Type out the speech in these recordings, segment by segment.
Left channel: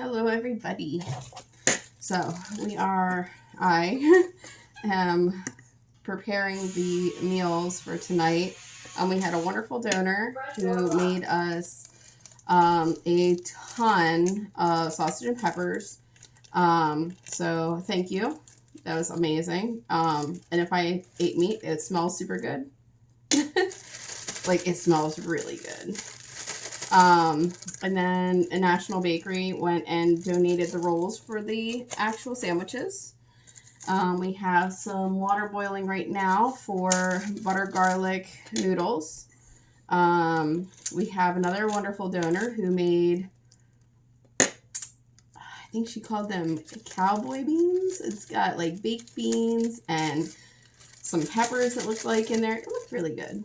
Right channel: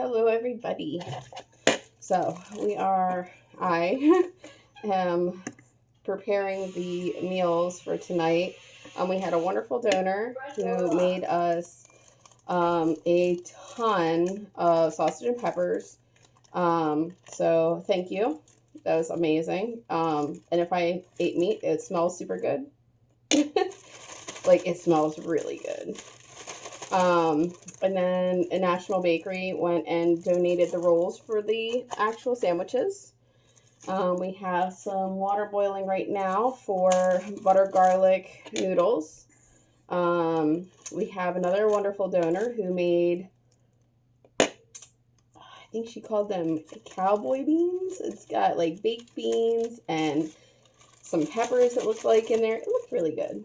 Hello, everybody. So I am preparing the meals for tonight. We had a wonderful donor who made us a ton of sausage and peppers. So thank you. That was amazing. And if I ate meat, it smells super good. Like, it smells really good. And then a National Bakery went and donated the rolls for the actual sandwiches. We have some water boiling right now for butter garlic noodles. We have another wonderful donor who made, I think she called them cowboy beans. It's got like baked beans and some peppers that looked like in there. It looked really good.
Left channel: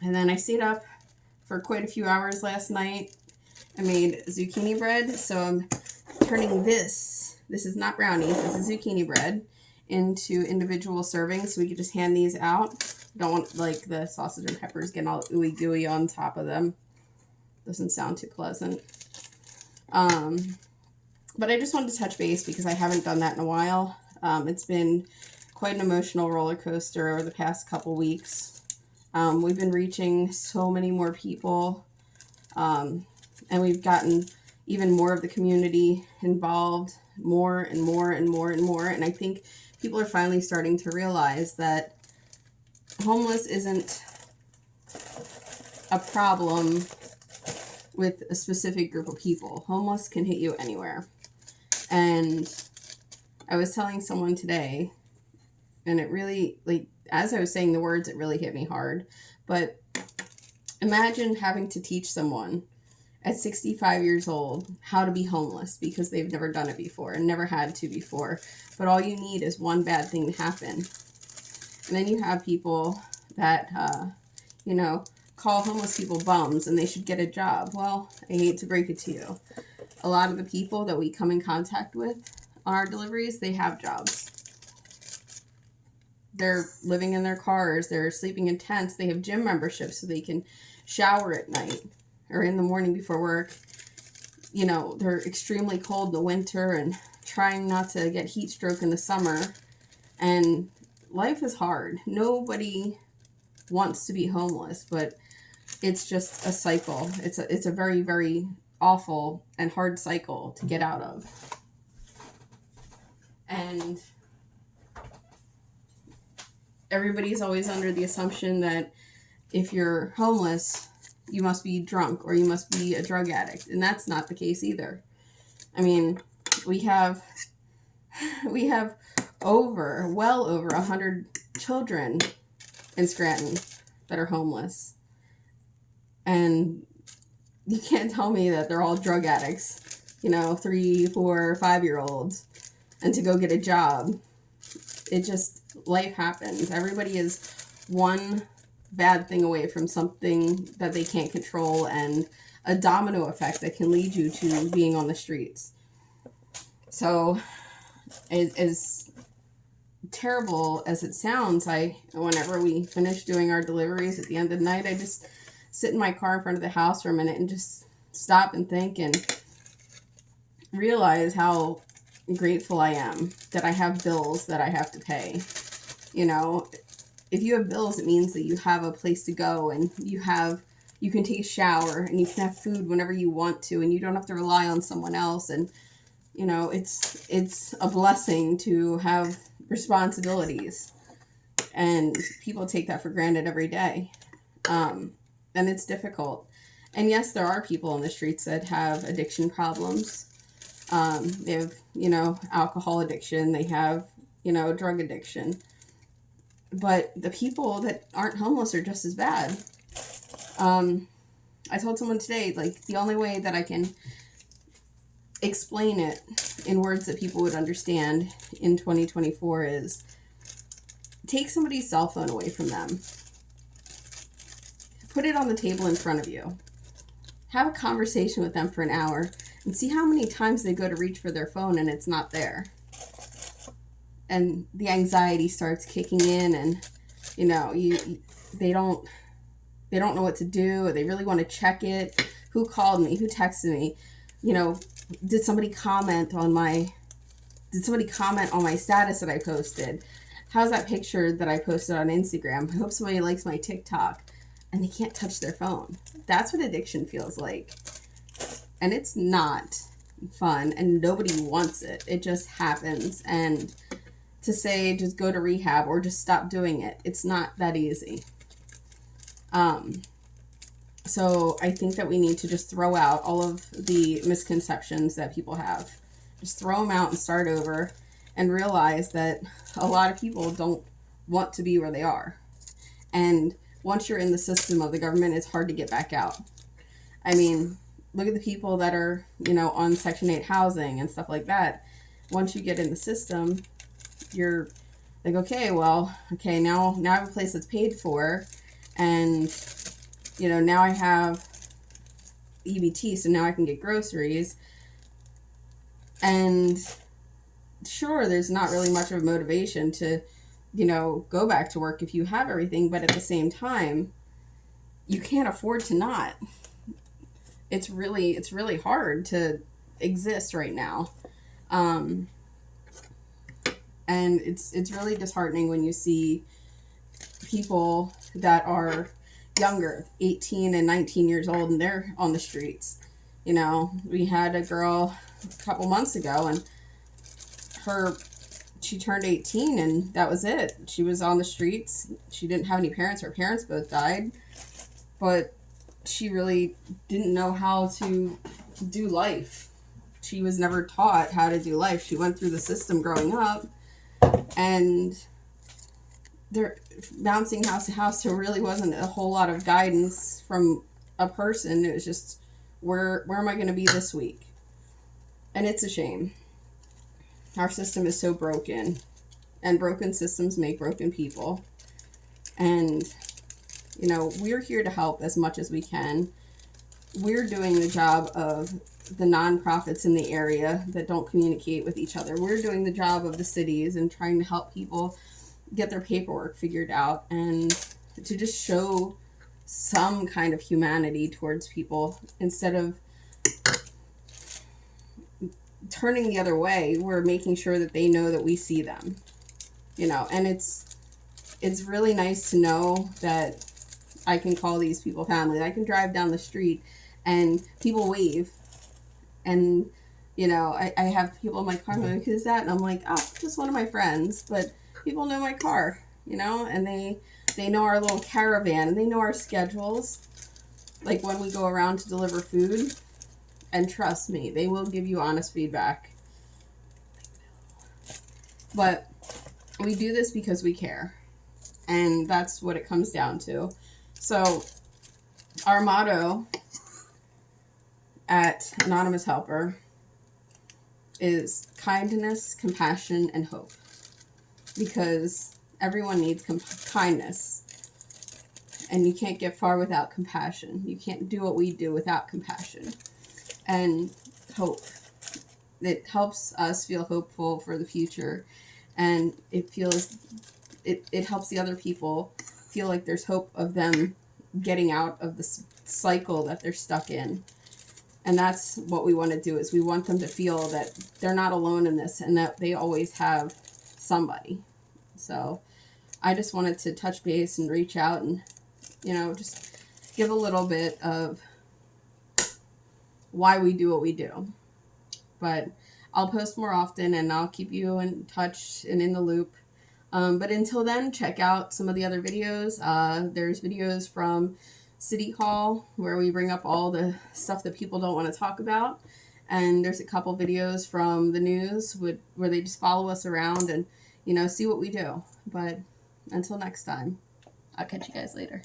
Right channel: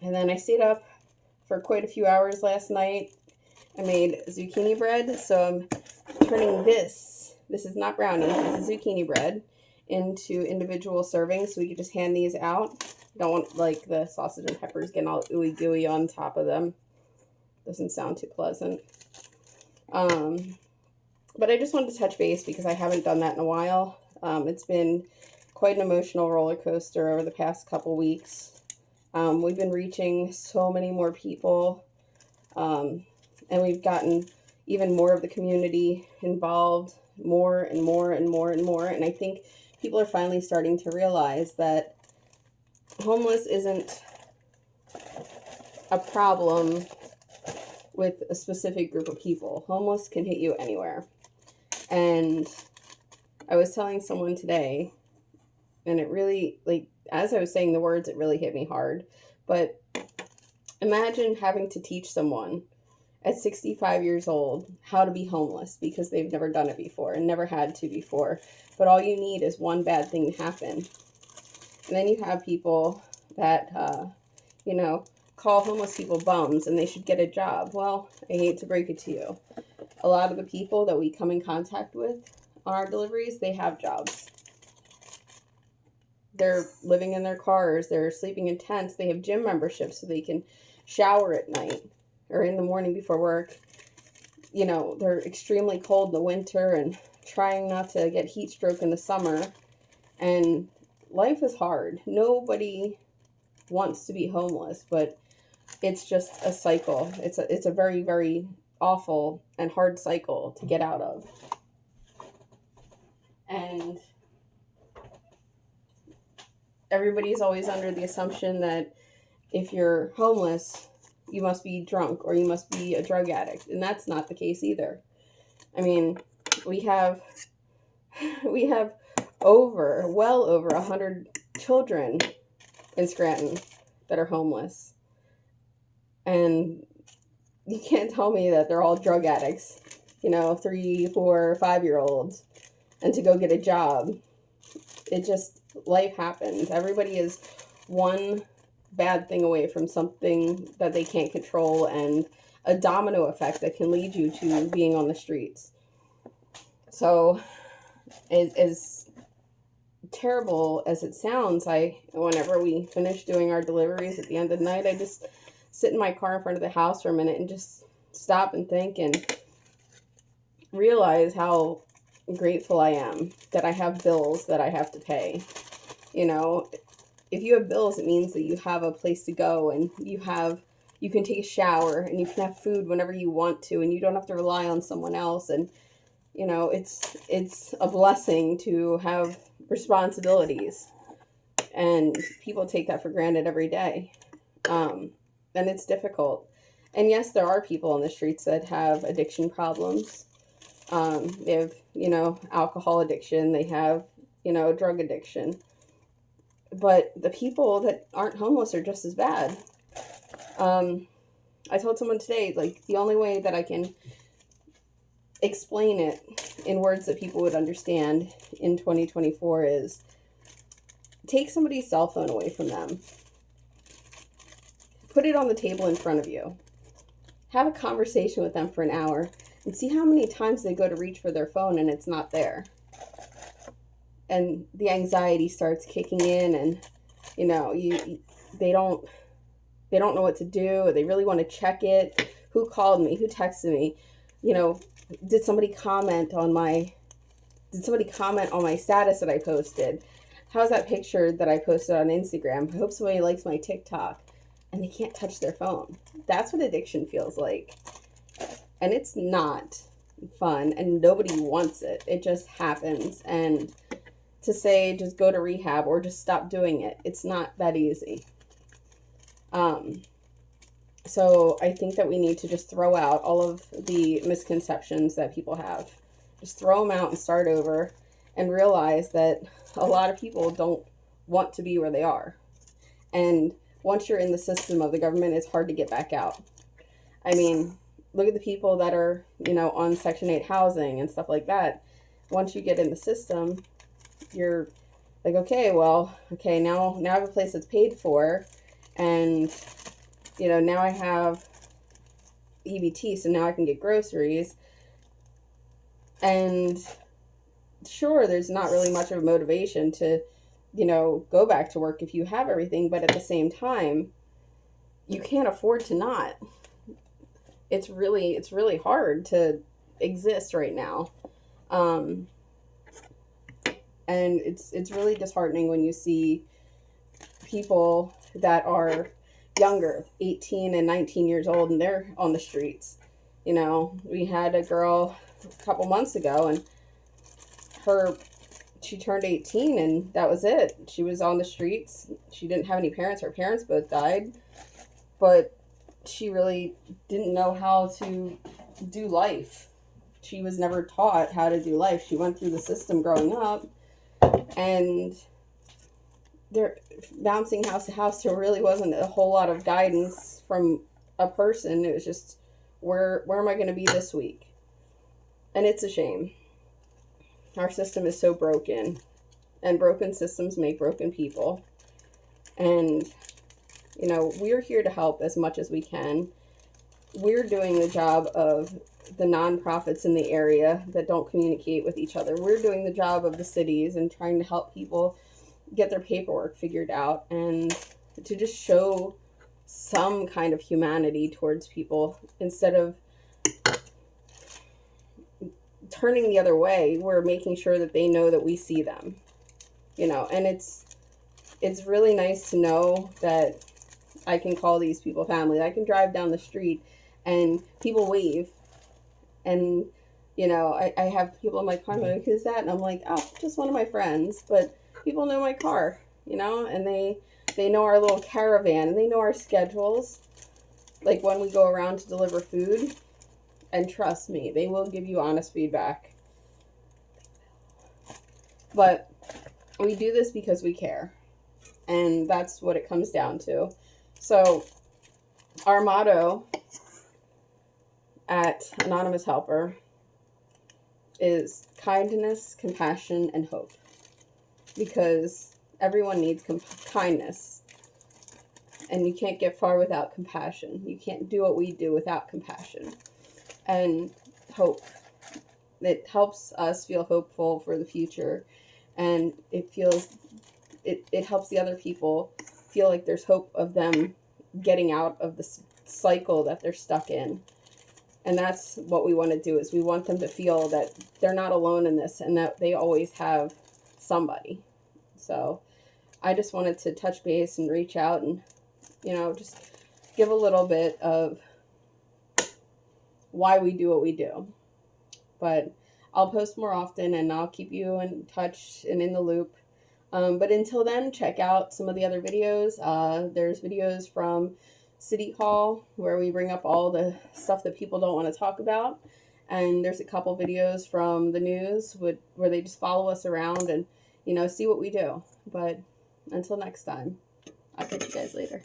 And then I stayed up for quite a few hours last night. I made zucchini bread, so I'm turning this is not brownies, this is zucchini bread, into individual servings so we could just hand these out. Don't want like the sausage and peppers getting all ooey gooey on top of them. Doesn't sound too pleasant. But I just wanted to touch base because I haven't done that in a while. It's been quite an emotional roller coaster over the past couple weeks. We've been reaching so many more people, and we've gotten even more of the community involved, more and more and more and more. And I think people are finally starting to realize that homeless isn't a problem with a specific group of people. Homeless can hit you anywhere. And I was telling someone today, and it really, like, as I was saying the words, it really hit me hard. But imagine having to teach someone at 65 years old how to be homeless because they've never done it before and never had to before. But all you need is one bad thing to happen. And then you have people that, call homeless people bums and they should get a job. Well, I hate to break it to you. A lot of the people that we come in contact with on our deliveries, they have jobs. They're living in their cars. They're sleeping in tents. They have gym memberships so they can shower at night or in the morning before work. You know, they're extremely cold in the winter and trying not to get heat stroke in the summer. And life is hard. Nobody wants to be homeless, but it's just a cycle. It's a very, very awful and hard cycle to get out of. And everybody's always under the assumption that if you're homeless, you must be drunk or you must be a drug addict. And that's not the case either. I mean, we have well over 100 children in Scranton that are homeless. And you can't tell me that they're all drug addicts, 3, 4, 5-year-olds, and to go get a job. Life happens. Everybody is one bad thing away from something that they can't control, and a domino effect that can lead you to being on the streets. So, as terrible as it sounds, whenever we finish doing our deliveries at the end of the night, I just sit in my car in front of the house for a minute and just stop and think and realize how grateful I am that I have bills that I have to pay. If you have bills, it means that you have a place to go and you can take a shower and you can have food whenever you want to and you don't have to rely on someone else. And it's a blessing to have responsibilities, and people take that for granted every day. And it's difficult. And yes, there are people on the streets that have addiction problems. They have, alcohol addiction. They have, drug addiction. But the people that aren't homeless are just as bad. I told someone today, like, the only way that I can explain it in words that people would understand in 2024 is take somebody's cell phone away from them. Put it on the table in front of you. Have a conversation with them for an hour and see how many times they go to reach for their phone and it's not there. And the anxiety starts kicking in, and they don't know what to do, or they really want to check it. Who called me? Who texted me? did somebody comment on my status that I posted? How's that picture that I posted on Instagram? I hope somebody likes my TikTok. And they can't touch their phone. That's what addiction feels like. And it's not fun, and nobody wants it. It just happens. And to say just go to rehab or just stop doing it, it's not that easy. So I think that we need to just throw out all of the misconceptions that people have. Just throw them out and start over, and realize that a lot of people don't want to be where they are. And once you're in the system of the government, it's hard to get back out. I mean, look at the people that are, on Section 8 housing and stuff like that. Once you get in the system, you're like, now I have a place that's paid for, and, now I have EBT, so now I can get groceries. And sure, there's not really much of a motivation to go back to work if you have everything, but at the same time, you can't afford to not. It's really hard to exist right now. And it's really disheartening when you see people that are younger, 18 and 19 years old, and they're on the streets. We had a girl a couple months ago, and she turned 18 and that was it. She was on the streets. She didn't have any parents. Her parents both died. But she really didn't know how to do life. She was never taught how to do life. She went through the system growing up, and they're bouncing house to house. There really wasn't a whole lot of guidance from a person. It was just, where am I going to be this week? And it's a shame. Our system is so broken, and broken systems make broken people. And, we're here to help as much as we can. We're doing the job of the nonprofits in the area that don't communicate with each other. We're doing the job of the cities and trying to help people get their paperwork figured out, and to just show some kind of humanity towards people instead of turning the other way. We're making sure that they know that we see them, and it's really nice to know that I can call these people family. I can drive down the street and people wave, and I have people in my car like, who's that? And I'm like, oh, just one of my friends. But people know my car, and they know our little caravan, and they know our schedules, like when we go around to deliver food. And trust me, they will give you honest feedback. But we do this because we care. And that's what it comes down to. So our motto at Anonymous Helper is kindness, compassion, and hope. Because everyone needs kindness. And you can't get far without compassion. You can't do what we do without compassion. And hope. It helps us feel hopeful for the future, and it helps the other people feel like there's hope of them getting out of the cycle that they're stuck in. And that's what we want to do, is we want them to feel that they're not alone in this, and that they always have somebody. So I just wanted to touch base and reach out and just give a little bit of why we do what we do. But I'll post more often, and I'll keep you in touch and in the loop. But until then, check out some of the other videos. There's videos from City Hall where we bring up all the stuff that people don't want to talk about. And there's a couple videos from the news where they just follow us around and, see what we do. But until next time, I'll catch you guys later.